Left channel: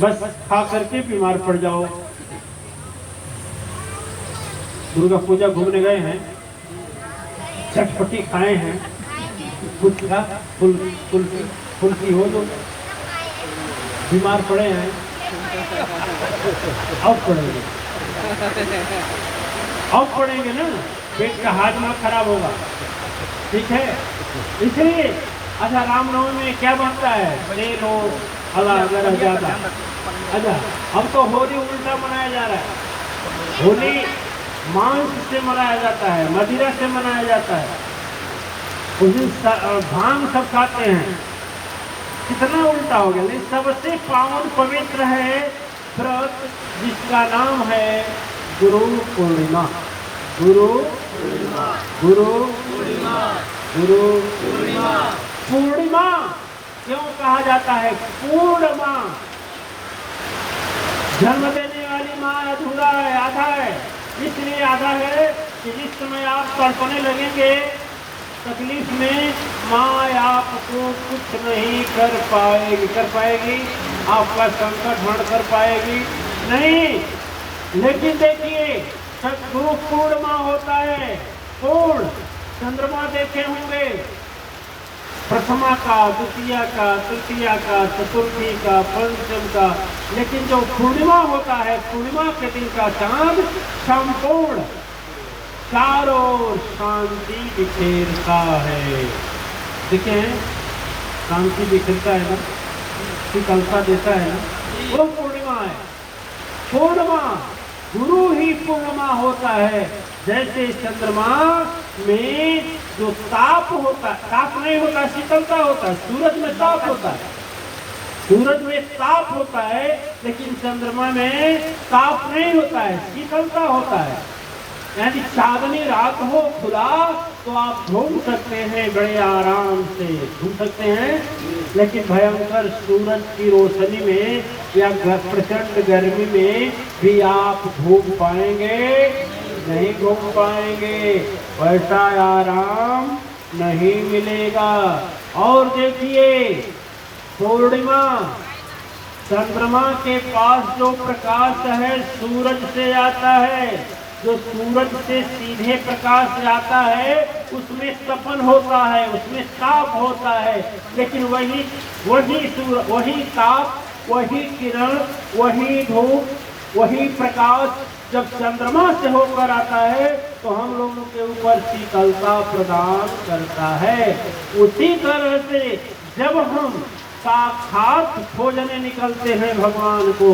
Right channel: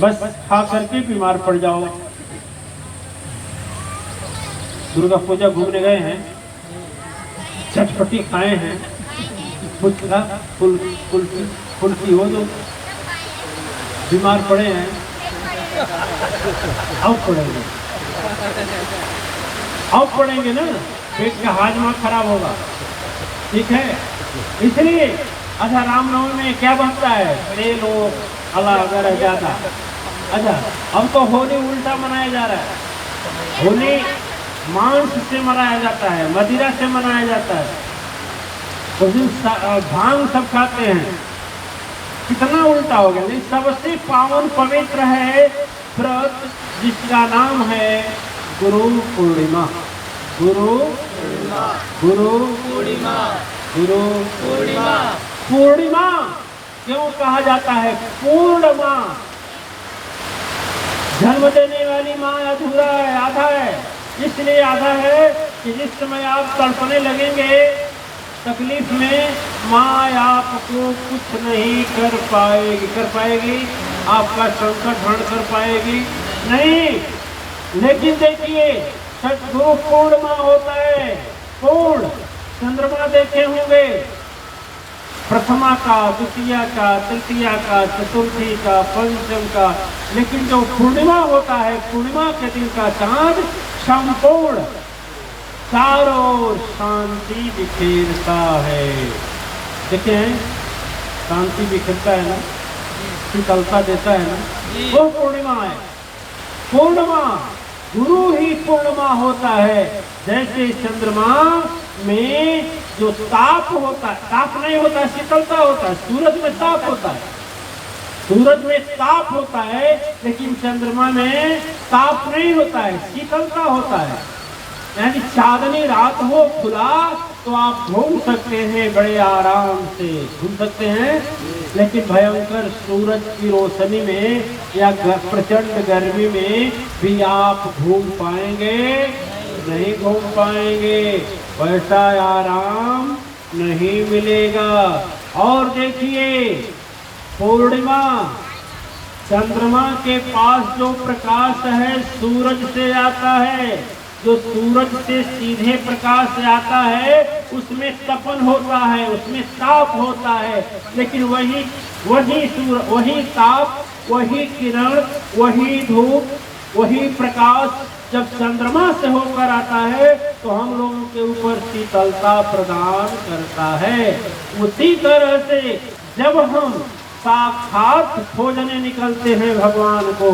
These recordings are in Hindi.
बस खा करके बीमार पड़ जाओ। दुर्गा पूजा घूमने गए हैं, चटपटी खाए हैं, फुचका फुल्की हो जो बीमार पड़े हैं, अब पड़ेंगे ना, पेट का हाजमा खराब होगा। ठीक है, इसलिए अच्छा रामनवमी में क्या बनता है, बड़े लोग अल्लाह ज्यादा। अच्छा अब तो होली उल्टा मनाया जा रहा है, होली मांस से मनाया जाता है, मदिरा से मनाया जाता है, उस दिन भांग सब खाते हैं। कितना उल्टा हो गया। नहीं, सबसे पावन पवित्र है व्रत जिसका नाम है गुरु पूर्णिमा। गुरु पूर्णिमा, गुरु पूर्णिमा, गुरु पूर्णिमा। पूर्णिमा क्यों कहा जाता है? पूर्ण माँ, जन्म देने वाली माँ अधूरा है, आधा है। इसलिए आधा है कि जिस समय आप तड़पने लगेंगे तकलीफ में, माँ आपको कुछ नहीं कर पाएगी। कर पाएगी? आपका संकट हरण कर पाएगी? नहीं। लेकिन देखिए, सदगुरु पूर्णिमा होता है, पूर्ण। चंद्रमा देखे होंगे, प्रथमा का, द्वितीया का, तृतीया का, चतुर्थी का, पंचम का, लेकिन जो पूर्णिमा होता है, पूर्णिमा के दिन का चांद संपूर्ण चारों ओर शांति बिखेरता है। देखिए शांति बिखेरता है ना, शीतलता देता है ना, वो पूर्णिमा है। पूर्णिमा, गुरु ही पूर्णिमा होता है। जैसे चंद्रमा में जो ताप होता है, ताप नहीं होता, शीतलता होता है। सूरज में ताप होता है, सूरज में ताप होता है, लेकिन चंद्रमा में ताप नहीं होता है, शीतलता होता है। यानी चांदनी रात हो खुला तो आप घूम सकते हैं, बड़े आराम से घूम सकते हैं। लेकिन भयंकर सूरज की रोशनी में या प्रचंड गर्मी में भी आप घूम पाएंगे? नहीं घूम पाएंगे, वैसा आराम नहीं मिलेगा। और देखिए, पूर्णिमा, चंद्रमा के पास जो प्रकाश है सूरज से आता है, जो सूरज से सीधे प्रकाश आता है उसमें तपन होता है, उसमें ताप होता है। लेकिन वही ताप, वही किरण, वही धूप, वही प्रकाश जब चंद्रमा से होकर आता है तो हम लोगों के ऊपर शीतलता प्रदान करता है। उसी तरह से जब हम साक्षात खोजने निकलते हैं भगवान को,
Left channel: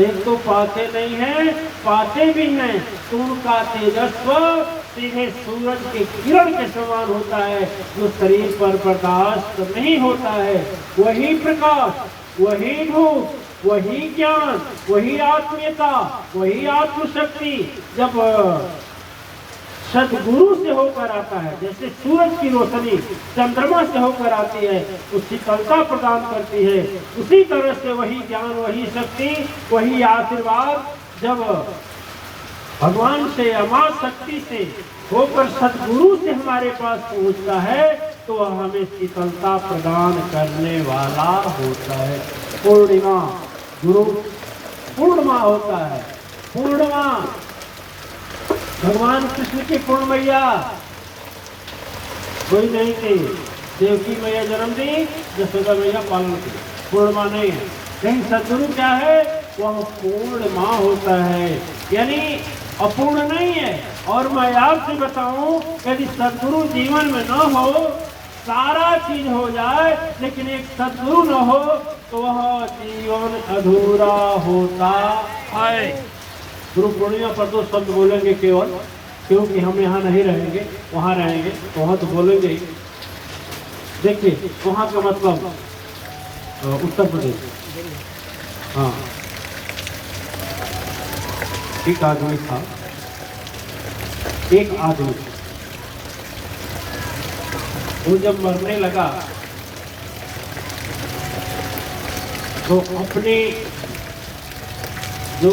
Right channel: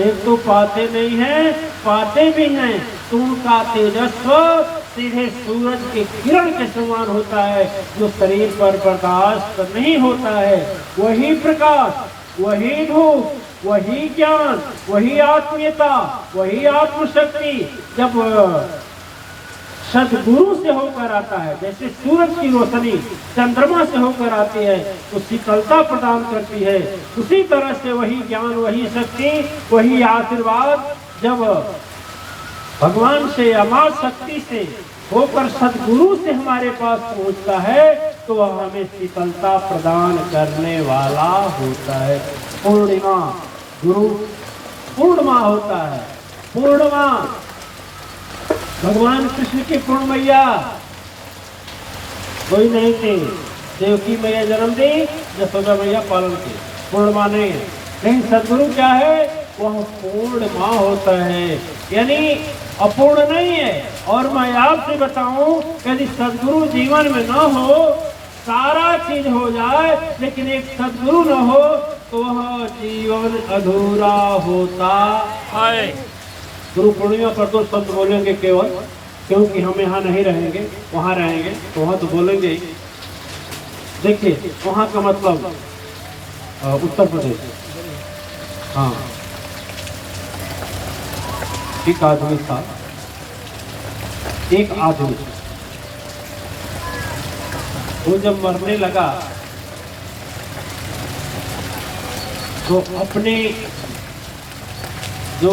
एक तो पाते नहीं है, पाते भी हैं तो उनका तेजस्व सीधे सूरज के किरण के समान होता है, जो शरीर पर बर्दाश्त नहीं होता है। वही प्रकाश, वही धूप, वही ज्ञान, वही आत्मीयता, वही आत्मशक्ति जब सदगुरु से होकर आता है, जैसे सूरज की रोशनी चंद्रमा से होकर आती है, वो शीतलता प्रदान करती है। उसी तरह से वही ज्ञान, वही शक्ति, वही आशीर्वाद जब भगवान से, अमार शक्ति से होकर सदगुरु से हमारे पास पहुंचता है तो वह हमें शीतलता प्रदान करने वाला होता है। पूर्णिमा, गुरु पूर्णिमा होता है। पूर्णिमा भगवान कृष्ण की पूर्ण मैया कोई नहीं थे, देवकी मैया जन्म दी, यशोदा मैया पालन की, पूर्णिमा नहीं। लेकिन सदगुरु क्या है? वह पूर्ण माँ होता है, यानी अपूर्ण नहीं है। और मैं आपसे बताऊं, यदि सदगुरु जीवन में न हो, सारा चीज हो जाए लेकिन एक सदगुरु न हो तो वह जीवन अधूरा होता है। गुरु पूर्णिमा पर दो शब्द बोलेंगे केवल, क्योंकि हम यहाँ नहीं रहेंगे, वहाँ रहेंगे तो वहाँ तो बोलेंगे। देखिए वहाँ का मतलब उत्तर प्रदेश, हाँ, एक आदमी था, एक आदमी वो जब मरने लगा तो अपने जो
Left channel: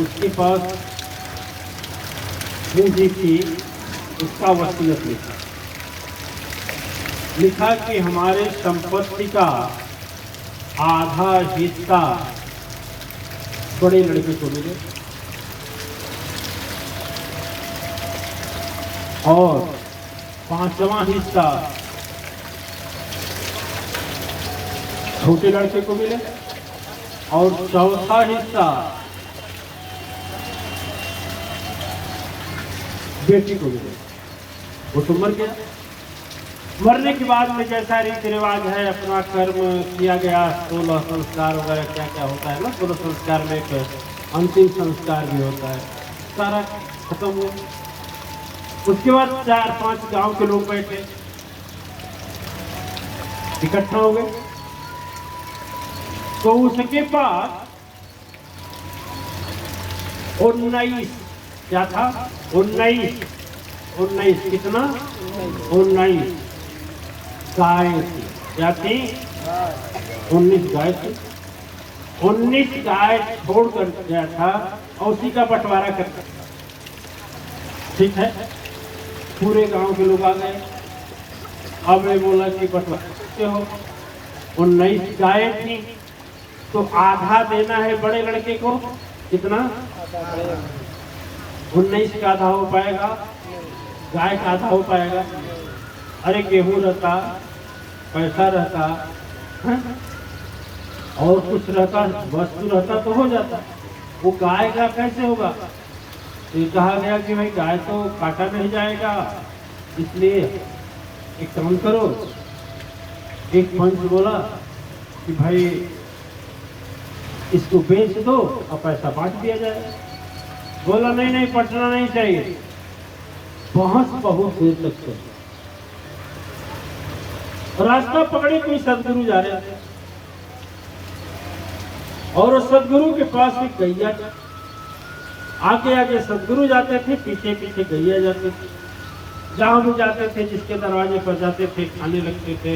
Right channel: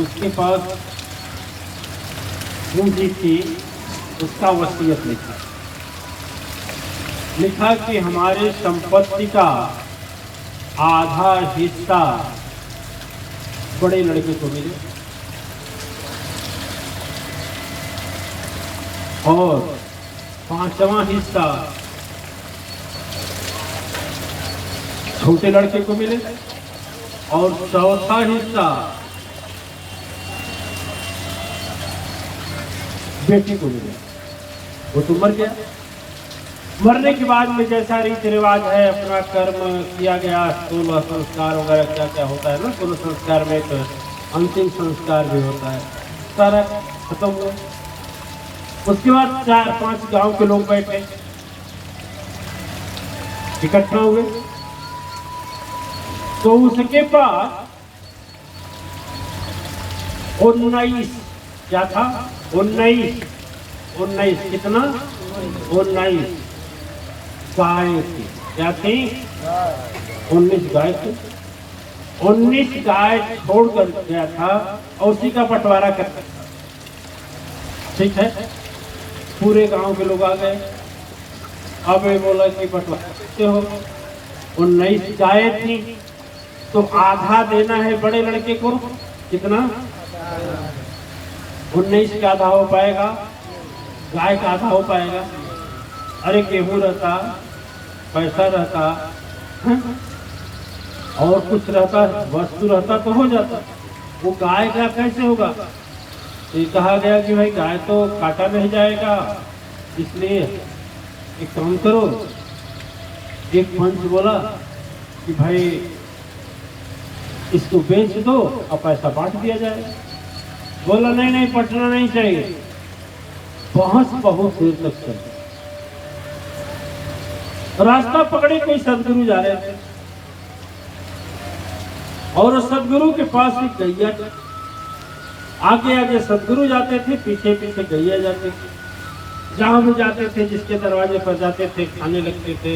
उसके पास पूंजी थी उसका वसीयत लिखा कि हमारे संपत्ति का आधा हिस्सा बड़े लड़के को मिले और 5वां हिस्सा छोटे लड़के को मिले और 4था हिस्सा बेटी को मिले। वो तो मर गया। मरने के बाद में जैसा रीति रिवाज है, अपना कर्म किया गया, 16 संस्कार वगैरह क्या क्या होता है ना, 16 संस्कार में एक अंतिम संस्कार भी होता है, सारा खत्म हुआ। उसके बाद 4-5 गांव के लोग बैठे, इकट्ठा हुए, तो उसके पास 19 क्या था, 19 कितना, 19 गाय थी। क्या थी? 19 गाय थी। 19 गाय छोड़ कर गया था और उसी का बंटवारा करता। ठीक है, पूरे गांव के लोग आ गए। अब ये बोला कि बंटवारा करते हो, 19 गाय थी तो आधा देना है बड़े लड़के को। कितना? 19 का आधा हो पाएगा, गाय का आधा हो पाएगा। अरे गेहूं रहता, पैसा रहता है? और कुछ रहता, वस्तु रहता तो हो जाता। वो गाय का कैसे होगा? ये कहा गया कि भाई गाय तो काटा नहीं जाएगा, इसलिए एक काम करो। एक पंच बोला कि भाई इसको बेच दो और पैसा बांट दिया जाए। बोला नहीं, पटना नहीं चाहिए। बहस बहुत देर तक चली। रास्ता पकड़े कोई सदगुरु जा रहे थे और सदगुरु के पास एक गैया थी। आगे आगे सदगुरु जाते थे, पीछे पीछे गैया जाते थे। जहां भी जाते थे, जिसके दरवाजे पर जाते थे, खाने लगते थे।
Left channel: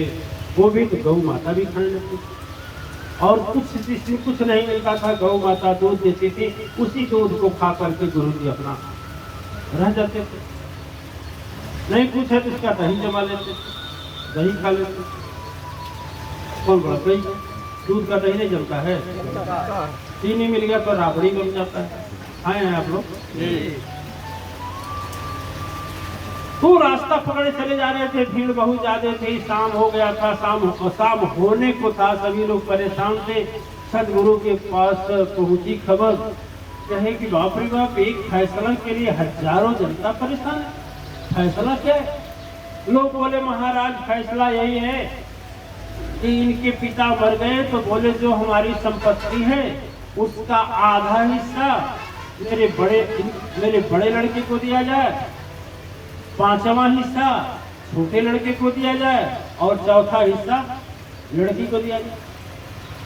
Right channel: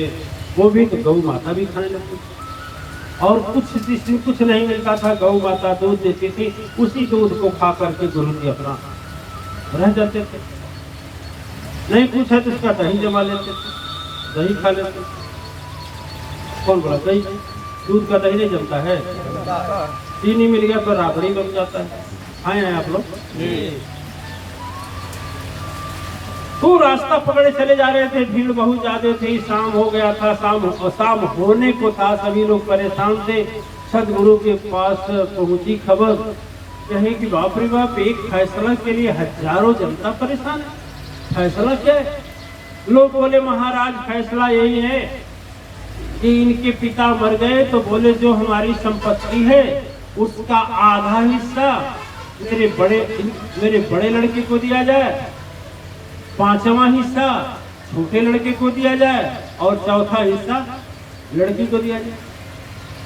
वो भी तो गौ माता भी खाने लगती थी। और कुछ नहीं मिलता था, गौ माता दूध देती थी, उसी दूध को खा करके गुरु जी अपना रह जाते थे। नहीं कुछ है तो उसका दही जमा लेते थे, दही खा लेते। कौन बोला दही? दूध का दही नहीं जमता है। चीनी मिल गया तो राबड़ी बन जाता है। आए हैं आप लोग? तो रास्ता पकड़े चले जा रहे थे, भीड़ बहुत ज्यादा थी। शाम हो गया था, शाम होने को था, सभी लोग परेशान थे। सदगुरु के पास पहुंची खबर, कहे कि बाप रे बाप, एक फैसला के लिए हजारों जनता परेशान है। फैसला क्या है? लोग बोले महाराज फैसला यही है कि इनके पिता मर गए, तो बोले जो हमारी संपत्ति है उसका आधा हिस्सा मेरे बड़े लड़के को दिया जाए, 5वां हिस्सा छोटे लड़के को दिया जाए और 4था हिस्सा लड़की को दिया जाए।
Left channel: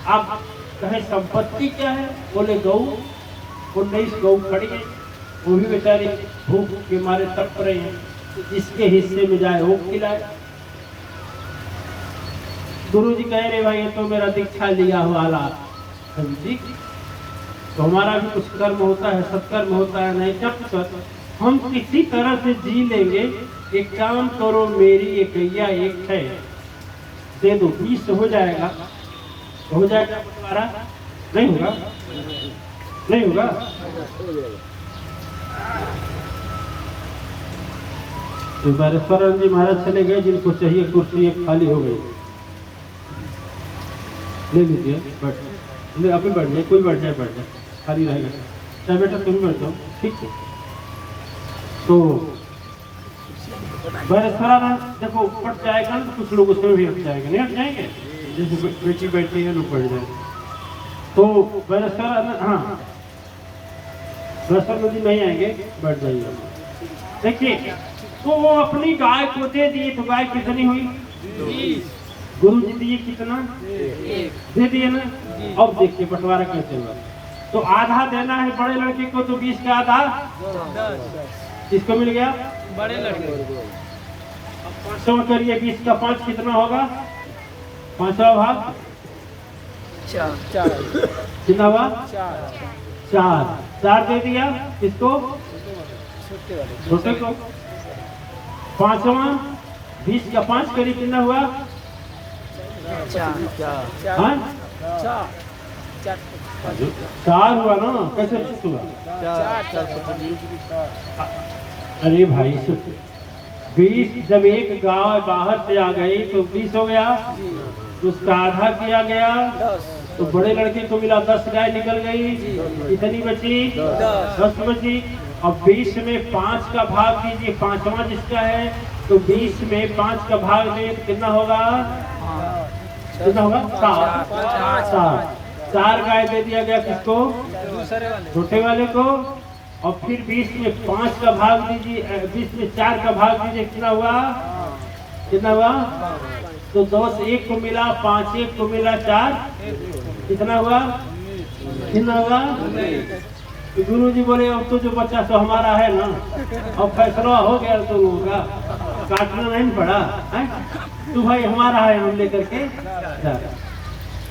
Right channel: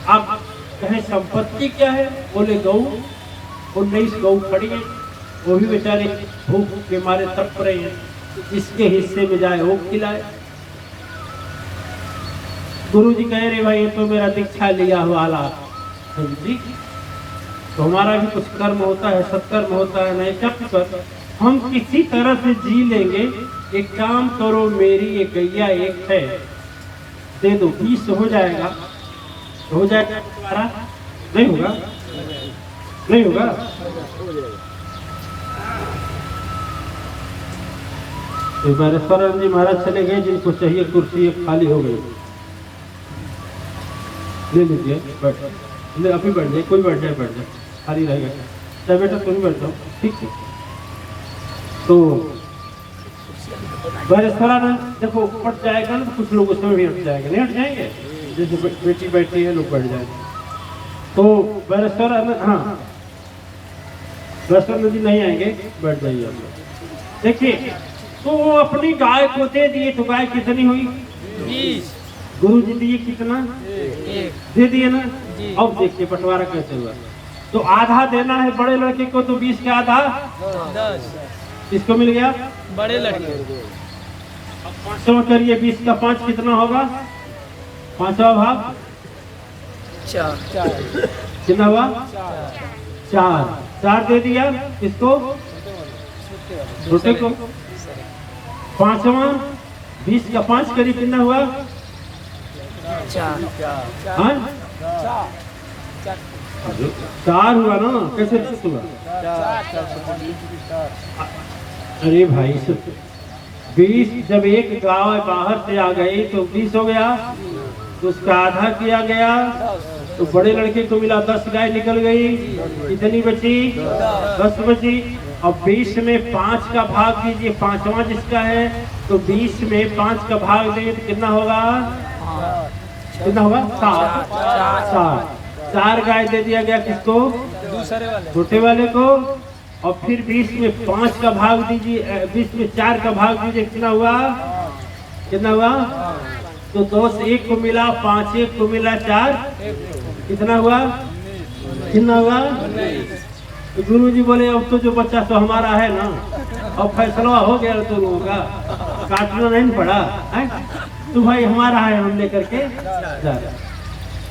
अब कहे संपत्ति क्या है? बोले गौ। 19 गौ खड़ी है, वो भी बेचारे भूख के मारे तड़प रहे हैं, जिसके हिस्से में जाए वो खिलाए। गुरु जी कह रहे भाई ये तो मेरा दीक्षा लिया हुआ हालात जी, तो हमारा भी कुछ कर्म होता है, सत्कर्म होता है। नहीं जब हम किसी तरह से जी लेंगे। एक काम करो, मेरी एक गैया एक है, दे दो, 20 हो जाएगा। हो जाएगा बंटवारा? नहीं होगा, नहीं होगा। तो बारेश्वर जी महाराज चले गए, जिनको चाहिए कुर्सी एक खाली हो गई, ले लीजिए, बैठ। अभी बैठ जाए, कोई बैठ जाए, बैठ जाए, खाली रहेगा। चाहे बेटा तुम बैठ जाओ, ठीक है। तो बारेश्वर ना देखो पट जाएगा ना, कुछ लोग उसमें भी हट जाएगा, नहीं हट जाएंगे? जैसे बेटी बैठी है, लोग बैठ जाएंगे। तो बारेश्वर हाँ, बारेश्वर जी नहीं आएंगे, बैठ जाइए आप। देखिए, तो वो अपनी गाय को दे दिए, तो गाय कितनी हुई? 20। गुरु जी दिए कितना? दे दिए ना। अब देखिए बंटवारा कैसे हुआ। तो आधा देना है बड़े लड़के को, तो 20 का आधा 10 किसको मिल गया? बड़े लड़के। अब 500 करिए, 20 का 5 कितना होगा? 5वां भाग 4 कितना हुआ? 4 दे दिया किसको? छोटे को। 5वां 20 का 5 करी कितना हुआ? 4। 4 हुआ ना, कैसे 10 हुआ? अरे भाई 20, जब एक गाय बाहर से आ गई तो 20 हो गया, उसका आधा किया गया तो बड़े लड़के को मिला 10 गाय निकल गई, कितनी बची? 10 बची। अब 20 में 5 का भाग कीजिए, 5वां जिसका है, तो 20 में 5 का भाग दे तो कितना होगा? कितना होगा? 4 गाय दे दिया गया किसको? छोटे वाले को। और फिर 20 में 5 का भाग दीजिए, 20 में 4 का भाग दीजिए, कितना हुआ? कितना हुआ? तो 2 से 1 को मिला, 5 1 को मिला, 4 कितना हुआ? कितना हुआ? तो गुरु जी बोले अब तो जो बच्चा तो हमारा है ना, अब फैसला हो गया तो लोगों का, काटना नहीं पड़ा है? तो भाई हमारा है, हम लेकर के।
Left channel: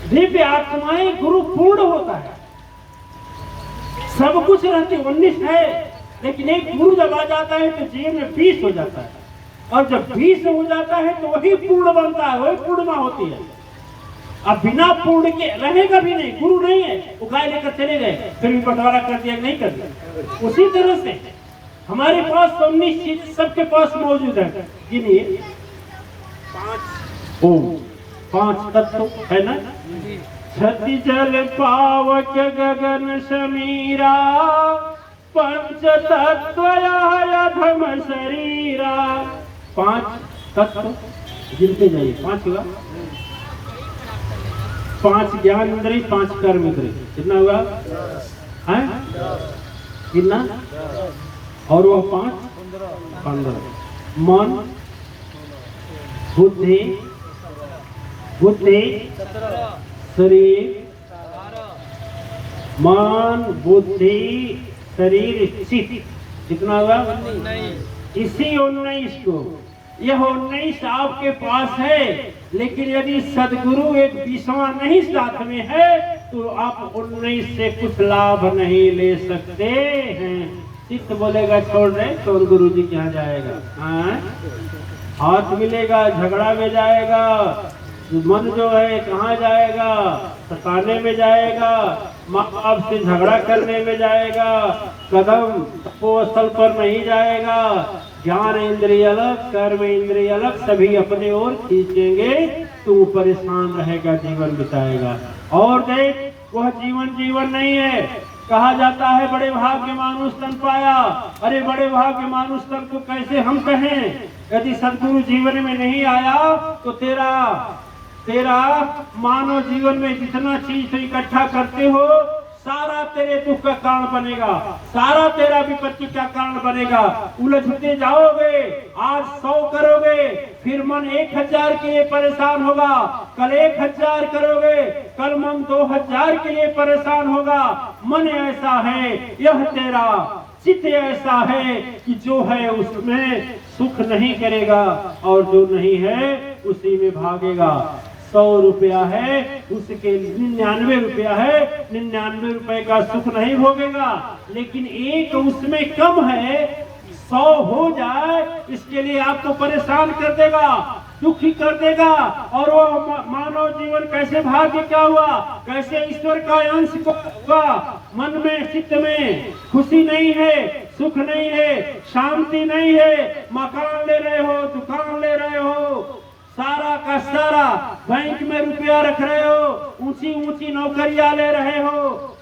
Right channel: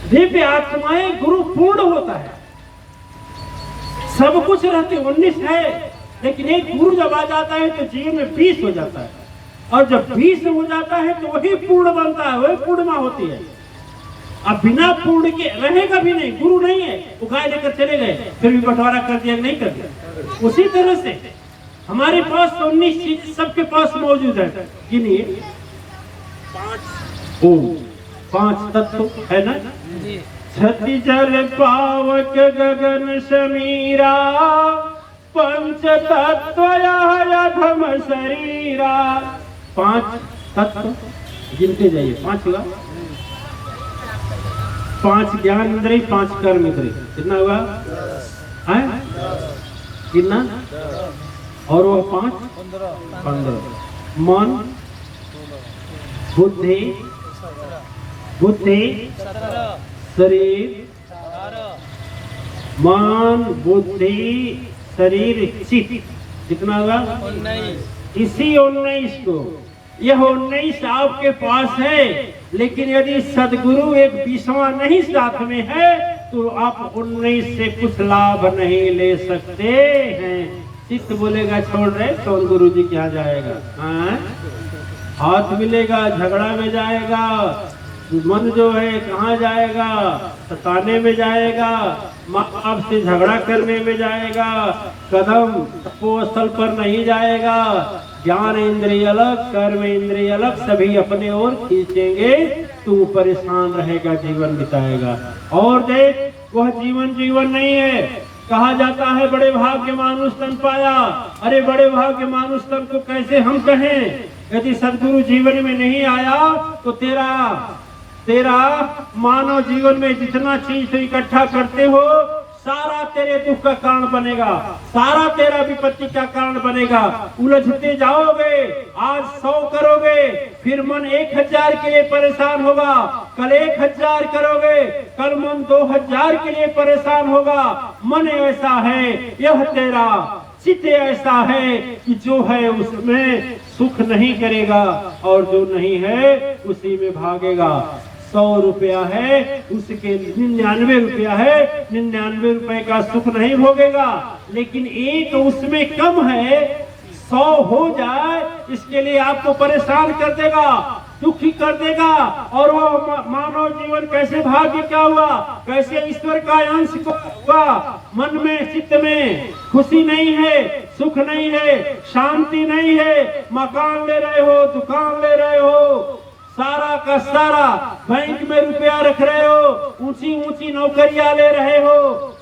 दिव्य आत्माएं गुरु पूर्ण होता है, सब कुछ रहते 19 है, लेकिन एक गुरु जब आ जाता है तो जीवन में 20 हो जाता है, और जब 20 हो जाता है तो वही पूर्ण बनता है, वही पूर्णिमा होती है। अब बिना पूर्ण के रहेगा भी नहीं, गुरु नहीं है, वो गाय लेकर चले गए, फिर भी बंटवारा कर दिया नहीं कर दिया। उसी तरह से हमारे पास तो 19 चीज सबके पास मौजूद है। गिनिए 5 तत्व है ना? छति जल पावक गगन समीरा, पंच तत्व अधम शरीरा। 5 तत्व गिनते जाइए, 5 हुआ। 5 ज्ञान इंद्रिय, 5 कर्म इंद्रिय, कितना हुआ? है कितना? और वो 5 15। मन, बुद्धि, शरीर, मन, बुद्धि, शरीर, चित्त, कितना हुआ? इसी 19 को, यह 19 आपके पास है, लेकिन यदि सदगुरु एक 20वां नहीं साथ में है तो आप 19 से कुछ लाभ नहीं ले सकते हैं। चित्त बोलेगा छोड़ रहे, कौन गुरु जी के यहाँ जाएगा? हाँ? हाथ मिलेगा, झगड़ा में जाएगा। मन जो है कहाँ जाएगा? सताने में जाएगा, माँ बाप से झगड़ा करने में जाएगा, कदम स्थल पर नहीं जाएगा। ज्ञान इंद्रिय अलग, कर्म इंद्रिय अलग, सभी अपने ओर खींचेंगे, तू परेशान रहेगा, जीवन बिताएगा। और देख, वह जीवन नहीं है। कहा जाता है बड़े भाग्य मानुष तन पाया। अरे बड़े भाग्य मानुष तन को कैसे हम कहें? यदि सदगुरु जीवन में नहीं आया तो तेरा मानव जीवन में जितना चीज तो इकट्ठा करते हो, सारा तेरे दुख का कारण बनेगा, सारा तेरा विपत्ति का कारण बनेगा। उलझते जाओगे, आज 100 करोगे, फिर मन 1000 के लिए परेशान होगा, कल 1000 करोगे, कल मन 2000 के लिए परेशान होगा। मन ऐसा है, यह तेरा चित्त ऐसा है कि जो है उसमें सुख नहीं करेगा, और जो नहीं है उसी में भागेगा। 100 रुपया है, उसके 99 रुपया है, 99 रुपए का सुख नहीं भोगेगा। लेकिन एक उसमें कम है, 100 हो जाए, इसके लिए आपको परेशान कर देगा, दुखी कर देगा। और वो मानव जीवन कैसे भाग्य क्या हुआ, कैसे ईश्वर का अंश को हुआ। मन में, चित्त में खुशी नहीं है, सुख नहीं है, शांति नहीं है। मकान ले रहे हो, दुकान ले रहे हो, सारा का सारा बैंक में रुपया रख रहे हो, ऊंची ऊंची नौकरियां ले रहे हो,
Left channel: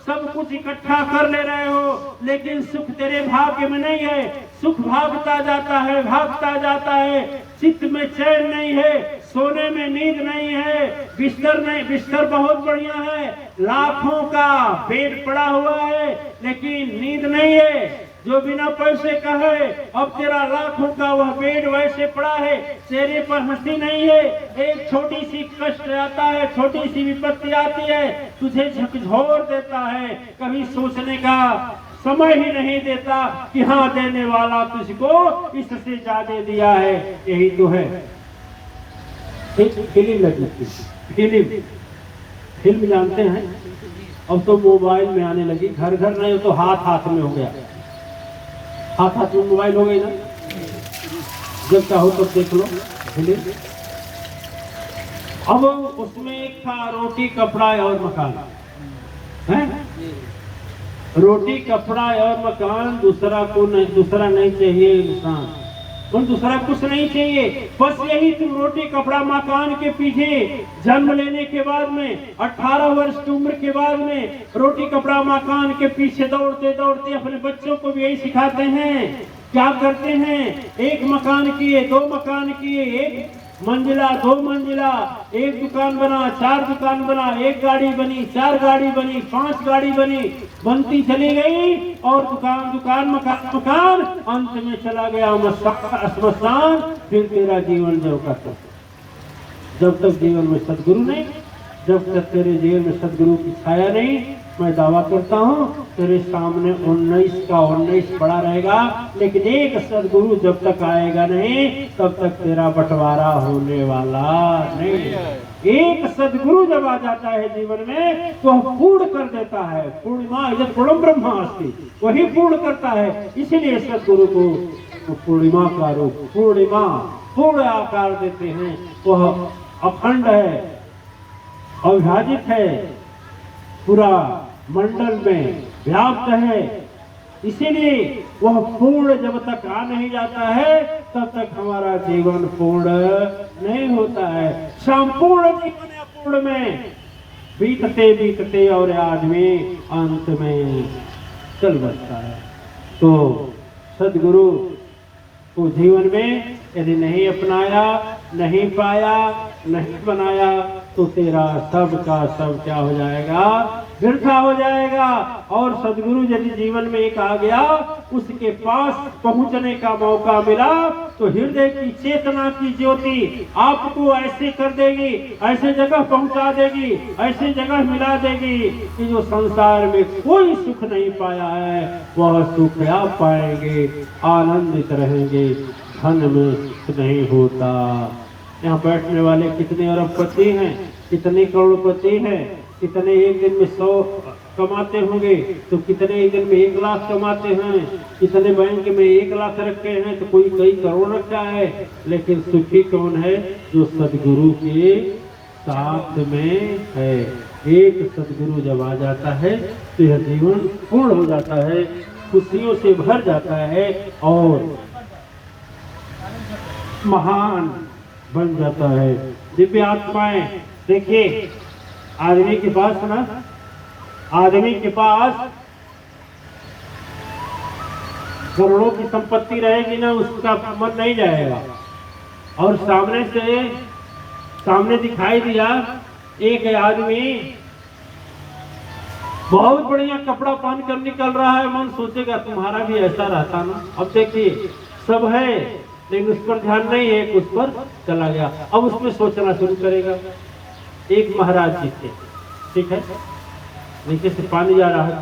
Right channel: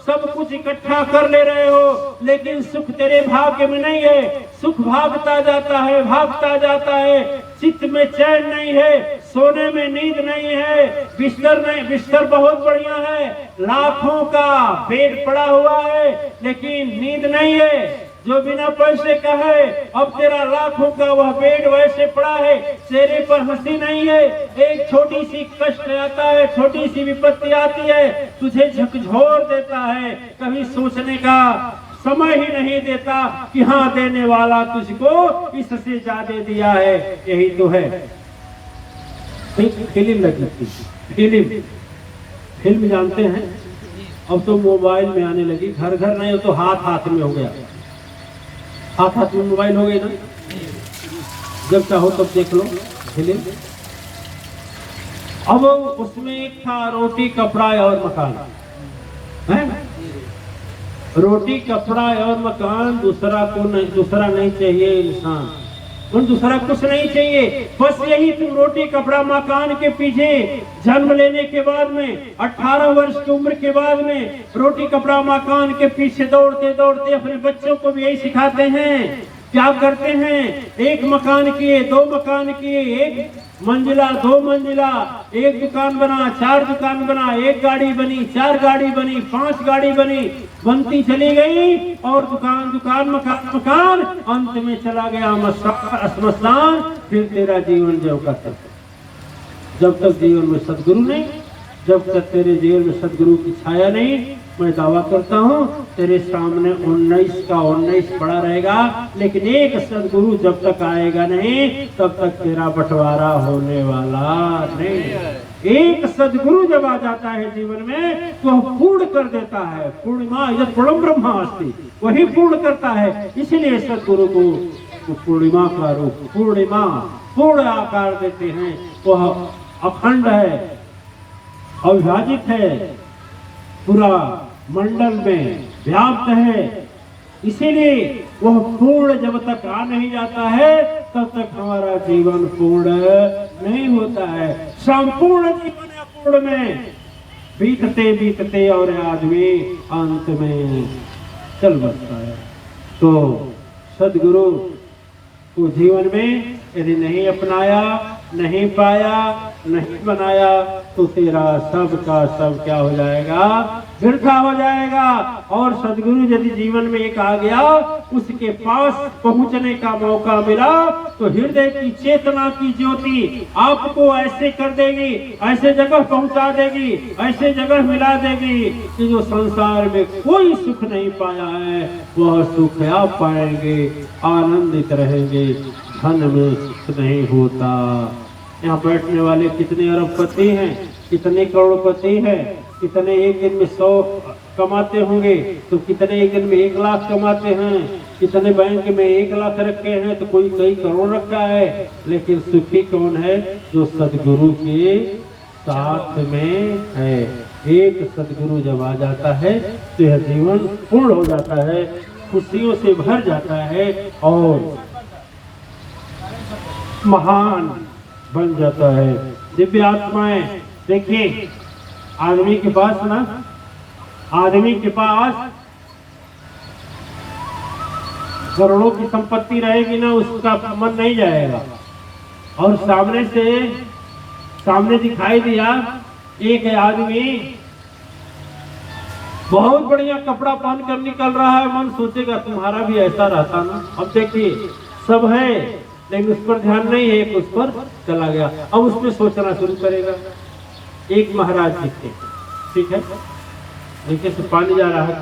सब कुछ इकट्ठा कर ले रहे हो, लेकिन सुख तेरे भाग्य में नहीं है। सुख भागता जाता है, भागता जाता है। चित्त में चैन नहीं है, सोने में नींद नहीं है, बिस्तर नहीं, बिस्तर बहुत बढ़िया है, लाखों का बेड पड़ा हुआ है, लेकिन नींद नहीं है। जो बिना पैसे का है, अब तेरा लाखों का वह बेड वैसे पड़ा है, चेहरे पर हंसी नहीं है। एक छोटी सी कष्ट आता है, छोटी सी विपत्ति आती है, तुझे झकझोर देता है, कभी सोचने का समय ही नहीं देता कि हाँ देने वाला तुझको इससे ज्यादा दिया है। यही तो है। फिल्म लगी, फिल्म जानते हैं, अब तो मोबाइल में आने लगी, घर घर नहीं हो तो हाथ हाथ में हो गया। हाथ में मोबाइल हो गई ना, जब चाहो तब देख लो फिल्म। अब उसमें एक था रोटी, कपड़ा और मकान। है? रोटी कपड़ा और मकान दूसरा नहीं चाहिए इंसान, और दूसरा कुछ नहीं चाहिए, बस यही तुम रोटी कपड़ा मकान के पीछे जन्म लेने के बाद में 18 वर्ष की उम्र के बाद में रोटी कपड़ा मकान के पीछे दौड़ते दौड़ते अपने बच्चों को भी यही सिखाते हैं। क्या करते हैं? एक मकान किए, 2 मकान किए, 1 मंजिला 2 मंजिला, 1 दुकान बना, 4 दुकान बना, 1 गाड़ी बनी, 4 गाड़ी बनी, 5 गाड़ी बनी, बनती चली गई और दुकान दुकान मकान मकान, अंत में चला गया श्मशान। फिर तेरा जीवन जब का तब, जब तक जीवन में सदगुरु नहीं, जब तक तेरे जीवन में सदगुरु की छाया नहीं, मैं दावा करता हूँ तेरे सामने 19 का 19 पड़ा रहेगा, लेकिन एक सदगुरु जब तक आएगा नहीं तब तक तेरा बंटवारा होने वाला नहीं। एक सदगुरु जब आ जाता है जीवन में तो पूर्ण कर देता है। पूर्णिमा यद पूर्णम ब्रह्मास्ति, वही पूर्ण करता है। इसलिए सदगुरु को पूर्णिमा का रूप, पूर्णिमा पूर्ण आकार देते हैं। वह अखंड है, अविभाजित है, पूरा मंडल में व्याप्त है। इसीलिए वह पूर्ण जब तक आ नहीं जाता है तब तक हमारा जीवन पूर्ण नहीं होता है। संपूर्ण जीवन अपूर्ण में बीतते बीतते और आदमी अंत में चल बसता है। तो सदगुरु को जीवन में यदि नहीं अपनाया, नहीं पाया, नहीं बनाया तो तेरा सब का सब क्या हो जाएगा? वृथा हो जाएगा। और सदगुरु यदि जीवन में एक आ गया, उसके पास पहुंचने का मौका मिला तो हृदय की चेतना की ज्योति आपको ऐसे कर देगी, ऐसे जगह पहुंचा देगी, ऐसे जगह मिला देगी कि जो संसार में कोई सुख नहीं पाया है वह सुख आप पाएंगे, आनंदित रहेंगे। धन में सुख नहीं होता। यहाँ बैठने वाले कितने अरबपति हैं, कितने करोड़पति हैं, कितने एक दिन में 100 कमाते होंगे तो कितने एक दिन में 1 लाख कमाते हैं, कितने बैंक में 1 लाख रखे हैं तो कोई कई करोड़ रखा है। लेकिन सुखी कौन है? जो सदगुरु के साथ में है। एक सदगुरु जब आ जाता है तो यह जीवन पूर्ण हो जाता है, खुशियों से भर जाता है और महान बन जाता है। दिव्य आत्माएं देखिए, आदमी के पास करोड़ों की संपत्ति रहेगी ना, उसका मन नहीं जाएगा। और सामने दिखाई दिया एक आदमी बहुत बढ़िया कपड़ा पहन कर निकल रहा है, मन सोचेगा तुम्हारा भी ऐसा रहता ना। अब देखिए सब है लेकिन उस पर ध्यान नहीं है, उस पर चला गया। अब उसमें सोचना शुरू करेगा। एक महाराज जी थे, ठीक है, नीचे से पानी जा रहा है।